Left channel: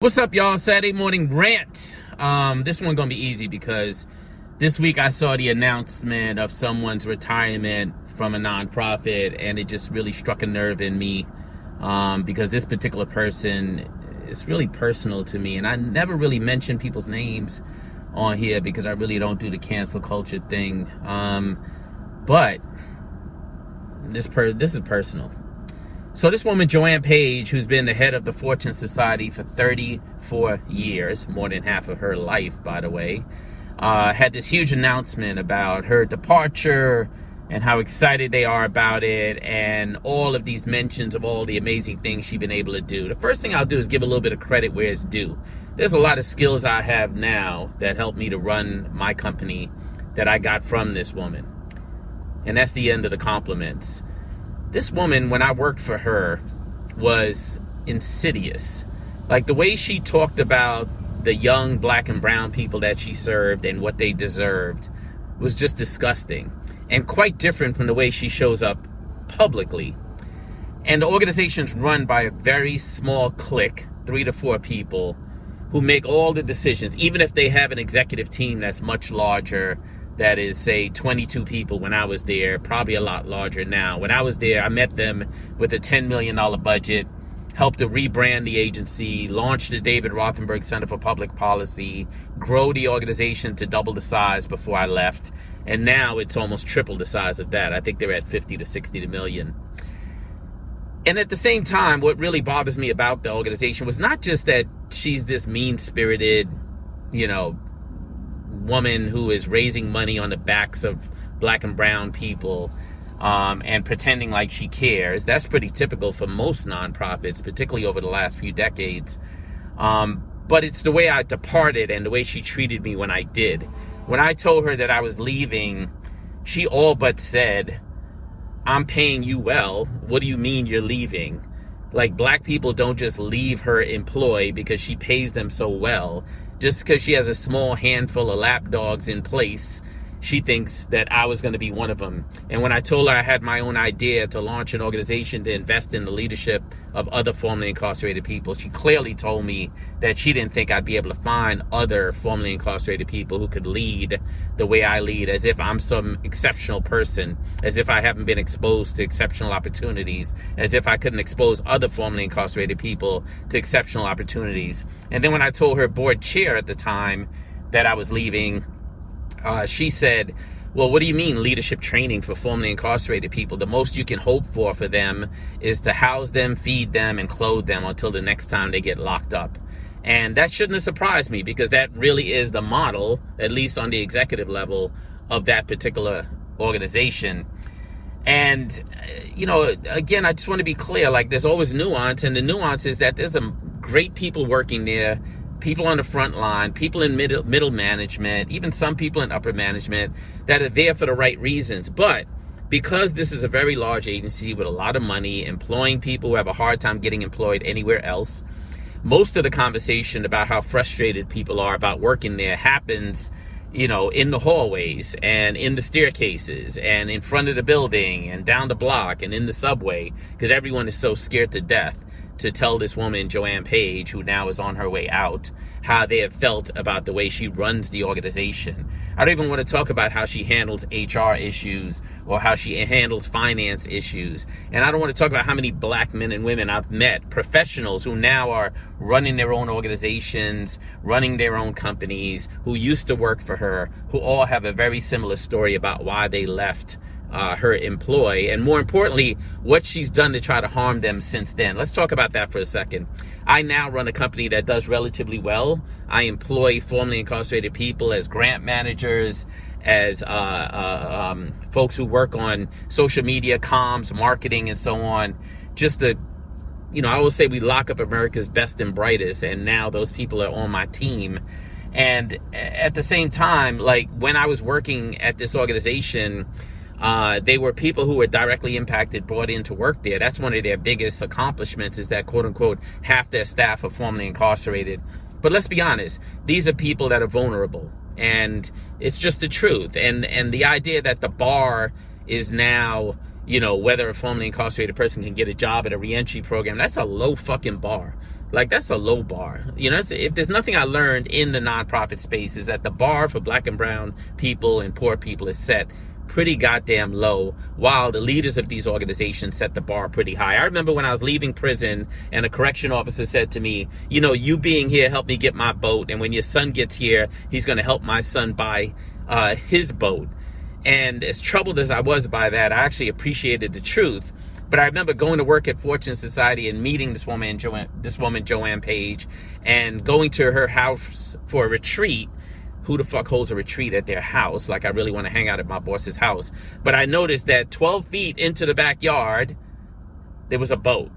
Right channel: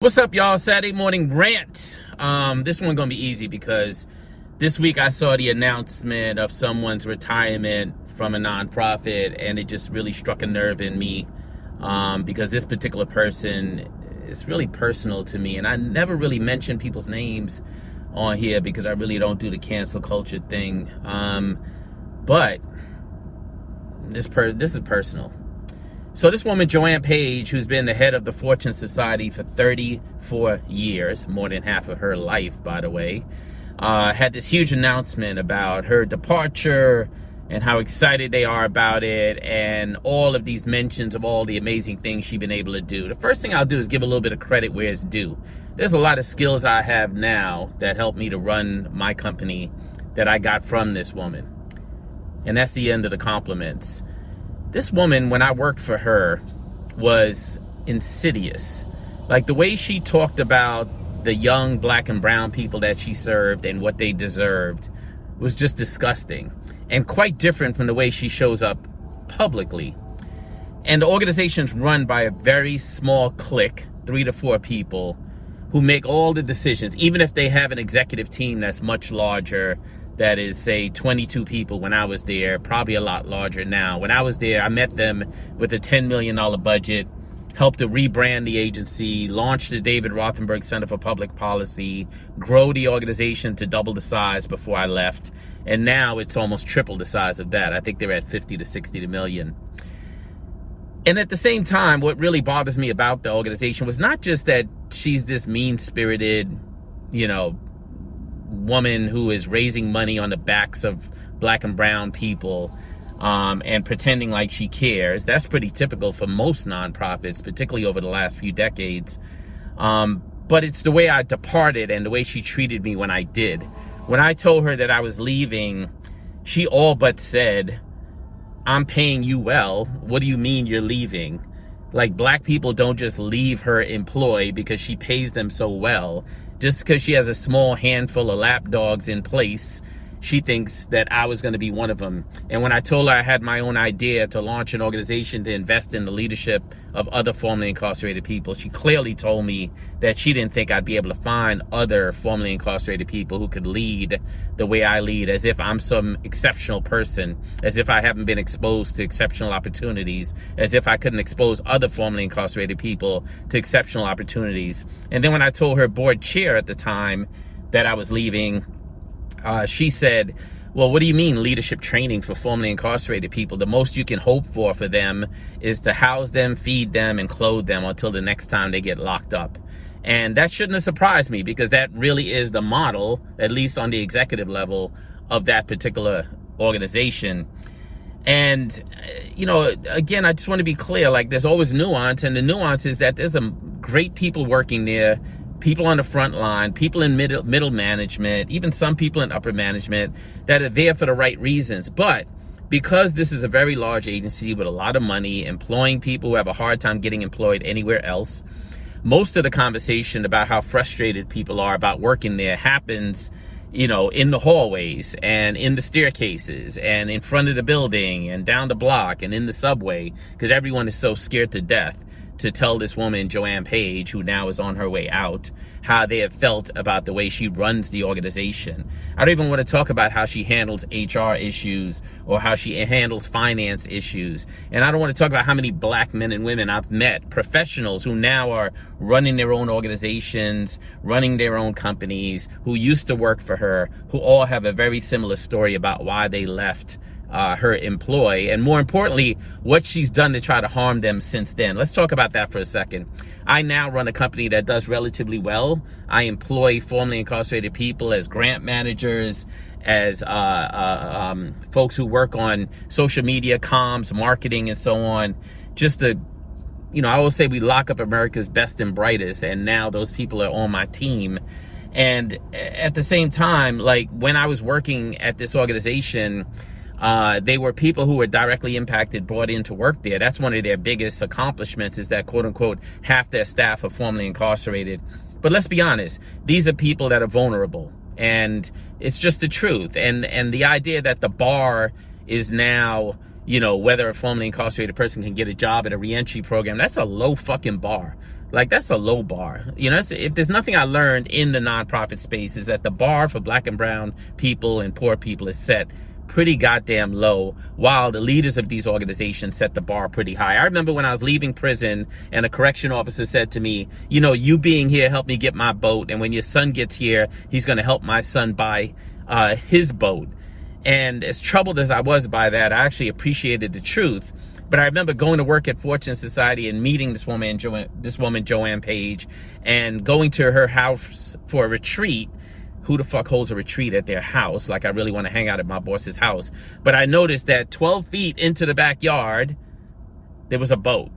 What's up, y'all? Saturday morning rant. This one gonna be easy because this week I saw the announcement of someone's retirement from a nonprofit, and it just really struck a nerve in me because this particular person is really personal to me, and I never really mention people's names on here because I really don't do the cancel culture thing. But this is personal. So this woman, Joanne Page, who's been the head of the Fortune Society for 34 years, more than half of her life, by the way, had this huge announcement about her departure and how excited they are about it, and all of these mentions of all the amazing things she's been able to do. The first thing I'll do is give a little bit of credit where it's due. There's a lot of skills I have now that help me to run my company that I got from this woman. And that's the end of the compliments. This woman, when I worked for her, was insidious. Like the way she talked about the young black and brown people that she served and what they deserved was just disgusting and quite different from the way she shows up publicly. And the organization's run by a very small clique, 3 to 4 people, who make all the decisions, even if they have an executive team that's much larger. That is, say, 22 people when I was there, probably a lot larger now. When I was there, I met them with a $10 million budget, helped to rebrand the agency, launch the David Rothenberg Center for Public Policy, grow the organization to double the size before I left. And now it's almost triple the size of that. I think they're at 50 to 60 million. And at the same time, what really bothers me about the organization was not just that she's this mean-spirited, woman who is raising money on the backs of black and brown people and pretending like she cares. That's pretty typical for most nonprofits, particularly over the last few decades. But it's the way I departed and the way she treated me when I did. When I told her that I was leaving, she all but said, "I'm paying you well. What do you mean you're leaving?" Like, black people don't just leave her employ because she pays them so well. Just because she has a small handful of lapdogs in place, she thinks that I was going to be one of them. And when I told her I had my own idea to launch an organization to invest in the leadership of other formerly incarcerated people, she clearly told me that she didn't think I'd be able to find other formerly incarcerated people who could lead the way I lead, as if I'm some exceptional person, as if I haven't been exposed to exceptional opportunities, as if I couldn't expose other formerly incarcerated people to exceptional opportunities. And then when I told her board chair at the time that I was leaving, she said, "Well, what do you mean leadership training for formerly incarcerated people? The most you can hope for them is to house them, feed them, and clothe them until the next time they get locked up." And that shouldn't have surprised me, because that really is the model, at least on the executive level, of that particular organization. And, again, I just want to be clear, like, there's always nuance, and the nuance is that there's some great people working there, people on the front line, people in middle management, even some people in upper management that are there for the right reasons. But because this is a very large agency with a lot of money, employing people who have a hard time getting employed anywhere else, most of the conversation about how frustrated people are about working there happens, in the hallways and in the staircases and in front of the building and down the block and in the subway, because everyone is so scared to death to tell this woman, Joanne Page, who now is on her way out, how they have felt about the way she runs the organization. I don't even want to talk about how she handles HR issues or how she handles finance issues. And I don't want to talk about how many black men and women I've met, professionals who now are running their own organizations, running their own companies, who used to work for her, who all have a very similar story about why they left her employ, and more importantly, what she's done to try to harm them since then. Let's talk about that for a second. I now run a company that does relatively well. I employ formerly incarcerated people as grant managers, as folks who work on social media, comms, marketing, and so on. Just to, I always say we lock up America's best and brightest, and now those people are on my team. And at the same time, like, when I was working at this organization, they were people who were directly impacted, brought in to work there. That's one of their biggest accomplishments, is that, quote unquote, half their staff are formerly incarcerated. But let's be honest, these are people that are vulnerable, and it's just the truth. And the idea that the bar is now, whether a formerly incarcerated person can get a job at a reentry program, that's a low fucking bar. Like, that's a low bar. You know, if there's nothing I learned in the nonprofit space, is that the bar for black and brown people and poor people is set pretty goddamn low, while the leaders of these organizations set the bar pretty high. I remember when I was leaving prison and a correction officer said to me, you know, you being here helped me get my boat, and when your son gets here, he's going to help my son buy his boat. And as troubled as I was by that, I actually appreciated the truth. But I remember going to work at Fortune Society and meeting this woman, Joanne Page, and going to her house for a retreat. Who the fuck holds a retreat at their house? Like, I really want to hang out at my boss's house. But I noticed that 12 feet into the backyard, there was a boat.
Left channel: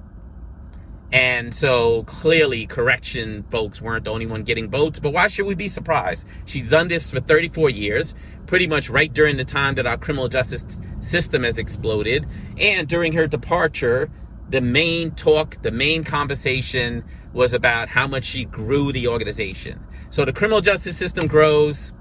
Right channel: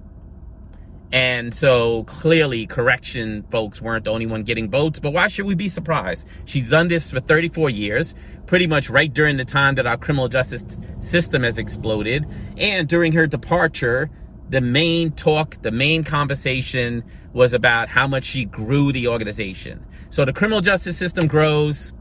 And so clearly correction folks weren't the only one getting boats, but why should we be surprised? She's done this for 34 years, pretty much right during the time that our criminal justice system has exploded. And during her departure, the main talk, the main conversation was about how much she grew the organization. So the criminal justice system grows,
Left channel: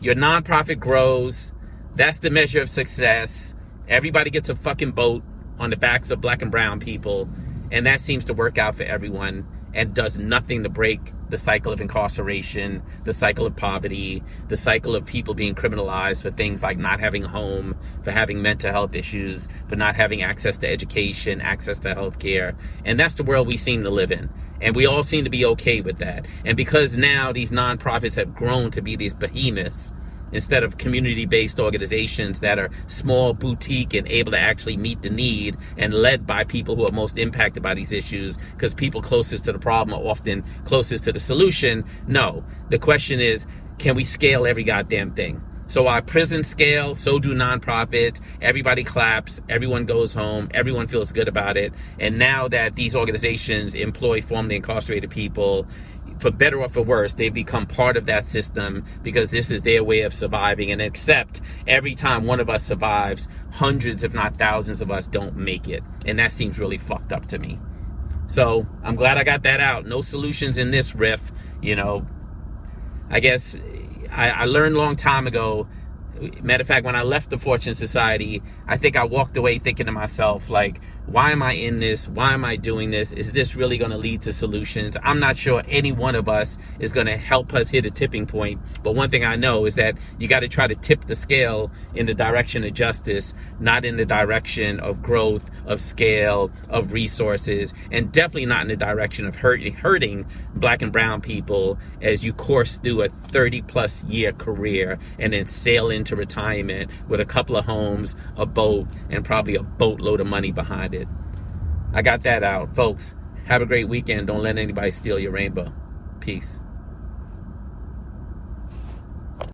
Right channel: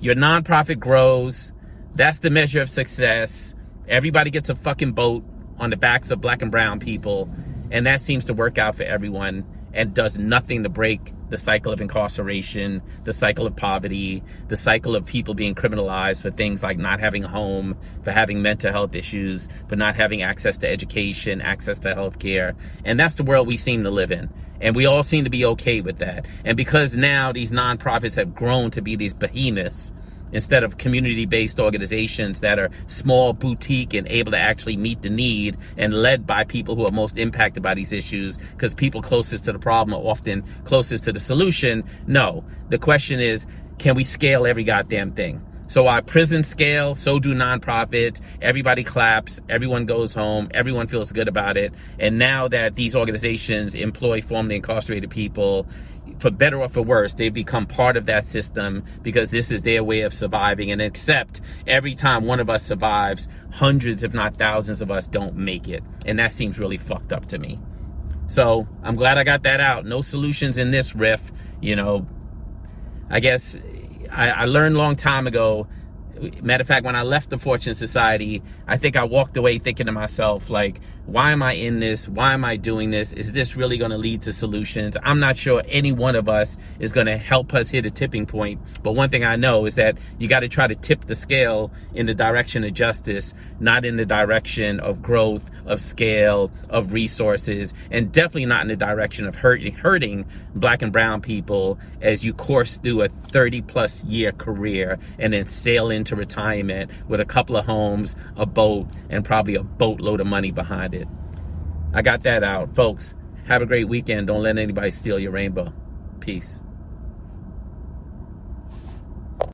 your nonprofit grows, that's the measure of success. Everybody gets a fucking boat on the backs of black and brown people. And that seems to work out for everyone and does nothing to break the cycle of incarceration, the cycle of poverty, the cycle of people being criminalized for things like not having a home, for having mental health issues, for not having access to education, access to healthcare. And that's the world we seem to live in. And we all seem to be okay with that. And because now these nonprofits have grown to be these behemoths, instead of community-based organizations that are small, boutique, and able to actually meet the need and led by people who are most impacted by these issues, because people closest to the problem are often closest to the solution. No, the question is, can we scale every goddamn thing? So our prisons scale, so do nonprofits. Everybody claps, everyone goes home, everyone feels good about it. And now that these organizations employ formerly incarcerated people, for better or for worse, they've become part of that system because this is their way of surviving. And except every time one of us survives, hundreds, if not thousands of us don't make it. And that seems really fucked up to me. So I'm glad I got that out. No solutions in this riff. You know, I guess I learned a long time ago. Matter of fact, when I left the Fortune Society, I think I walked away thinking to myself, like, why am I in this? Why am I doing this? Is this really going to lead to solutions? I'm not sure any one of us is going to help us hit a tipping point. But one thing I know is that you got to try to tip the scale in the direction of justice, not in the direction of growth, of scale, of resources, and definitely not in the direction of hurting black and brown people as you course through a 30-plus year career and then sail into retirement with a couple of homes, a boat, and probably a boatload of money behind it. I got that out. Folks, have a great weekend. Don't let anybody steal your rainbow. Peace.